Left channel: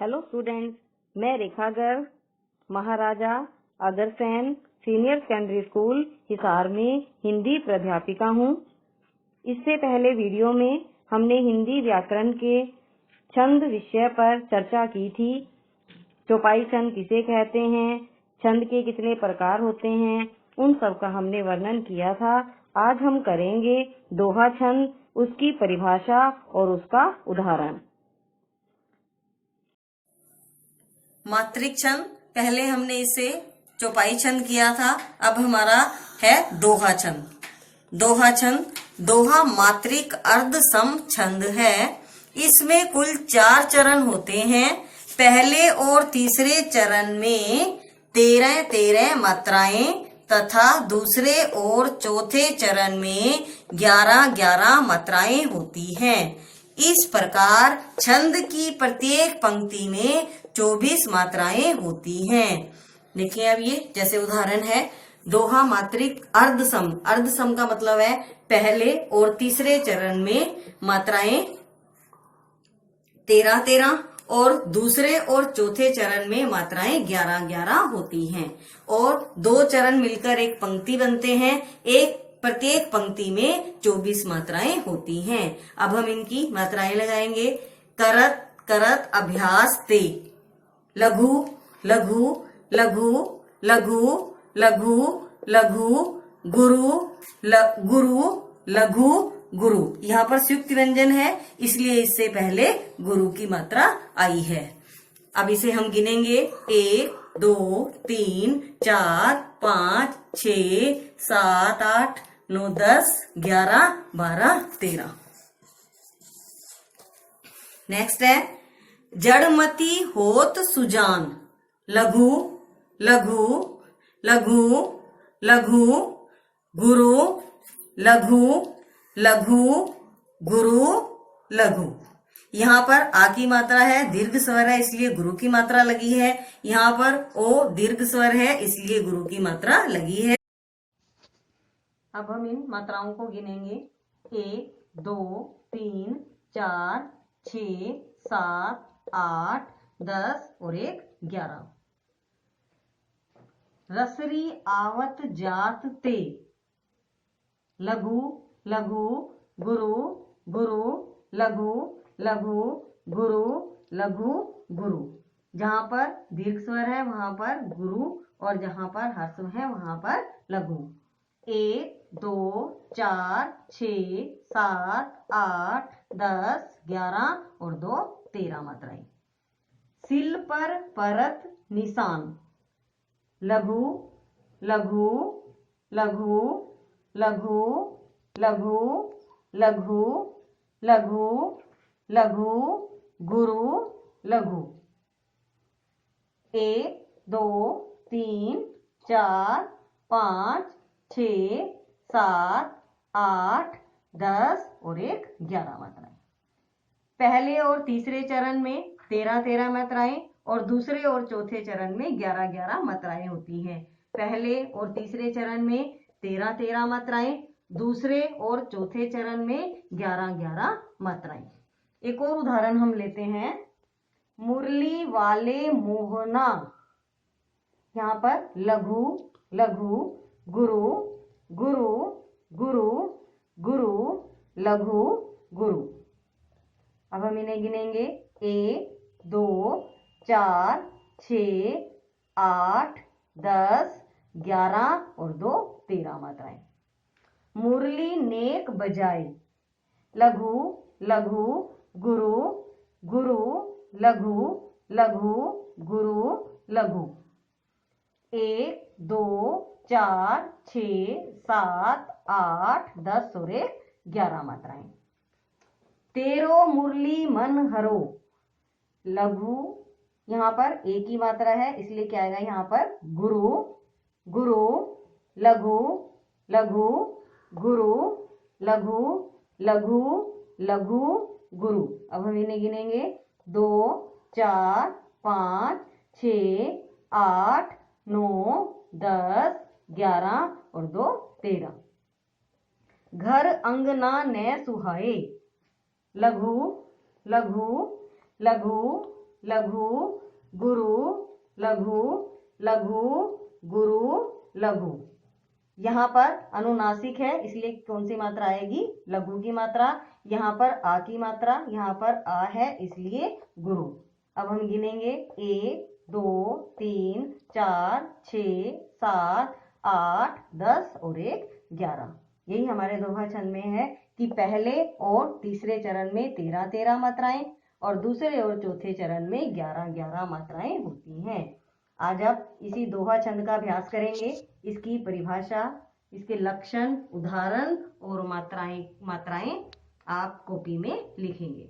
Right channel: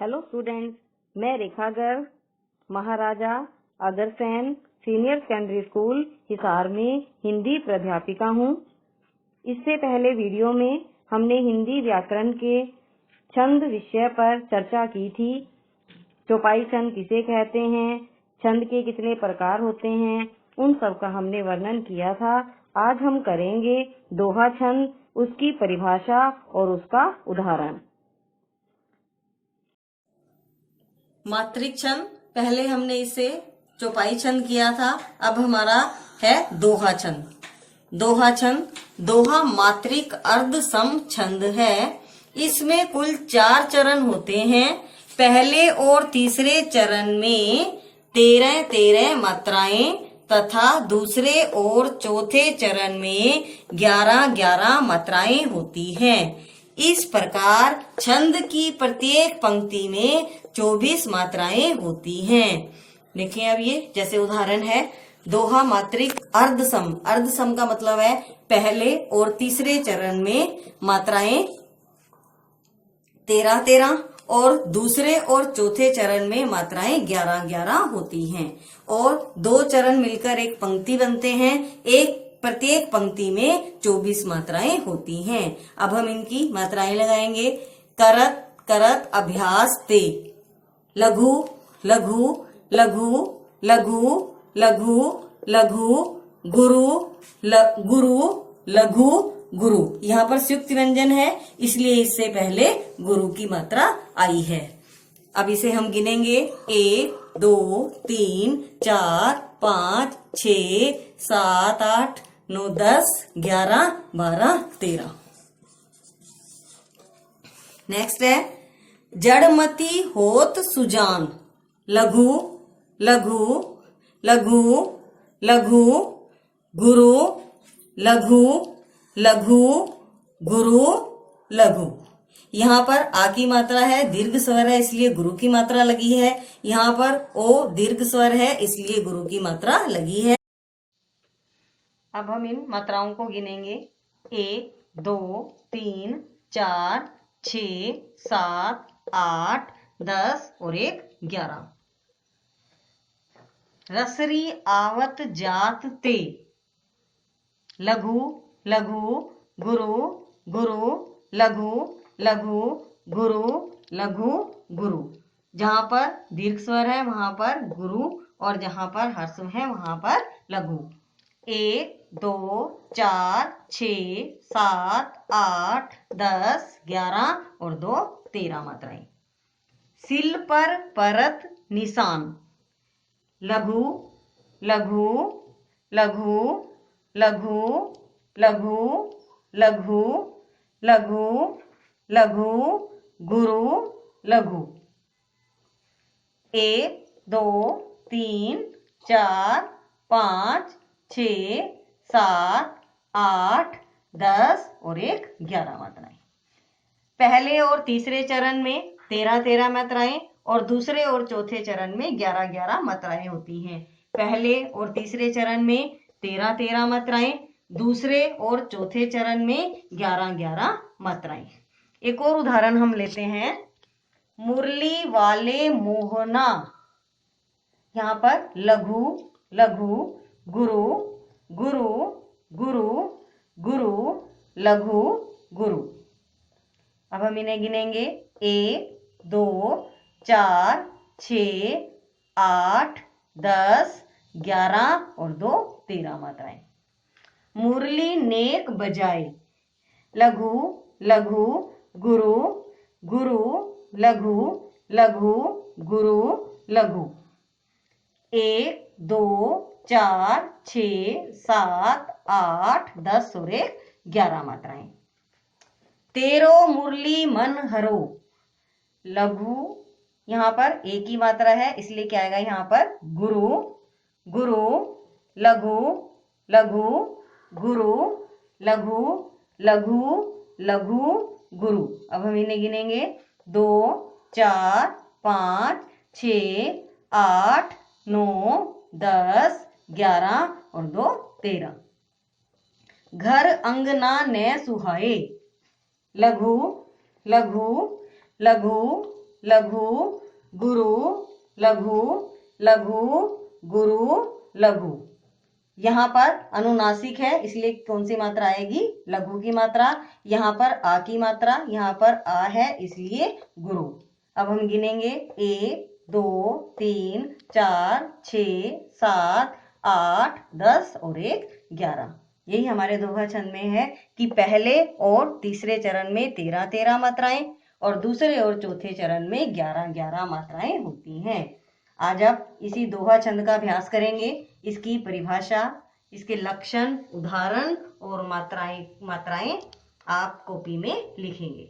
Hello students, मैं Rekha Garg Maharaja Agrasen senior secondary school Hisar में हिंदी प्राध्यापिका हूँ। इससे पहले वीडियो में हमने हिंदी व्याकरण के छंद विषय पर चर्चा की थी। चौपाई छंद किसे कहते हैं, छंद के कितने प्रकार होते हैं, उन सब का हमने वर्णन किया था। आज हम करेंगे दोहा छंद, उसकी परिभाषा और उसका उदाहरण। मात्रिक छंद पहले हमने इसे चौपाई छंद किया था, अब हमारा है दोहा छंद। दोहा छंद, दोहा मात्रिक अर्ध सम छंद है। इसमें कुल 4 चरण होते हैं। पहले और तीसरे चरण में 13-13 मात्राएं तथा दूसरे और चौथे चरण में 11-11 मात्राएं होती हैं। इस प्रकार छंद की प्रत्येक पंक्ति में 24 मात्राएं होती हैं। देखिए अब ये जैसे उदाहरण है दोहा मात्रिक अर्धसम। अर्धसम का मतलब है पहले और तीसरे चरण में मात्राएं 13-13 और दूसरे और चौथे चरण में मात्राएं 11-11 होती हैं और 2 चरण मिलकर एक पंक्ति बनते हैं। प्रत्येक पंक्ति में 24 मात्राएं होती हैं। अब हम इनकी मात्राएं लगाएंगे। करत करत अभ्यास ते, लघु लघु लघु लघु लघु लघु, गुरु गुरु लघु गुरु। यहाँ पर संयुक्त व्यंजन है इसलिए इससे पहले गुरु की मात्रा आई है। अब इसे हम गिनेंगे 1 2 3 4 5 6 7 8 9 10 11 12 13। नेक्स्ट है जड़मती होत सुजान, लघु लघु लघु लघु गुरु लघु लघु गुरु लघु। यहाँ पर आ की मात्रा है, दीर्घ स्वर है इसलिए गुरु की मात्रा लगी है। यहाँ पर ओ दीर्घ स्वर है इसलिए गुरु की मात्रा लगी है। अब हम इन मात्राओं को गिनेंगे। 1 2 3 4 6 7 8 10 और 1 11। रसरी आवत जात ते, लघु लघु गुरु गुरु लघु लघु गुरु लघु गुरु। जहां पर दीर्घ स्वर है वहां पर गुरु और जहां पर ह्रस्व है वहां पर लघु। 1 2 4 6 7 8 10 11 और 2 13 मात्राएं। सिल पर परत निशान, लघु लघु लघु लघु लघु लघु लघु लघु गुरु लघु। 1 2 3 4 5 6 7 8 10 और 1 11 मात्राएं। पहले और तीसरे चरण में 13-13 मात्राएं और दूसरे और चौथे चरण में 11-11 मात्राएं होती हैं। पहले और तीसरे चरण में 13-13 मात्राएं, दूसरे और चौथे चरण में 11-11 मात्राएं। एक और उदाहरण हम लेते हैं। मुरली वाले मोहना, यहाँ पर लघु लघु गुरु गुरु गुरु गुरु लघु गुरु। अब हम इन्हें गिनेंगे। 1 2 4 6 8 10 11 और 2 13 मात्राएं। मुरली नेक बजाए, लघु लघु गुरु गुरु लघु लघु गुरु लघु। 1 2 4 6 7 8 10 और 1 11 मात्राएं। तेरो मुरली मन हरो, लघु, यहाँ पर एक ही मात्रा है इसलिए क्या आएगा यहाँ पर गुरु गुरु लघु लघु गुरु लघु लघु लघु गुरु। अब हम इन्हें गिनेंगे। 2 4 5 6 8 9 10 11 और 2 13। घर अंगना ने सुहाए, लघु लघु लघु लघु, गुरु, लघु, लघु, गुरु, लघु। यहाँ पर अनुनासिक है, इसलिए कौन सी मात्रा आएगी? लघु की मात्रा। यहाँ पर आ की मात्रा, यहाँ पर आ है, इसलिए गुरु। अब हम गिनेंगे 1 2 3 4 6 7 8 10 और 1 11। यही हमारे दोहा छंद में है कि पहले और तीसरे चरण में 13-13 मात्राएं और दूसरे और चौथे चरण में 11-11 मात्राएं होती हैं। आज आप इसी दोहा छंद का अभ्यास करेंगे। इसकी परिभाषा, इसके लक्षण, उदाहरण और मात्राएं आप कॉपी में लिखेंगे।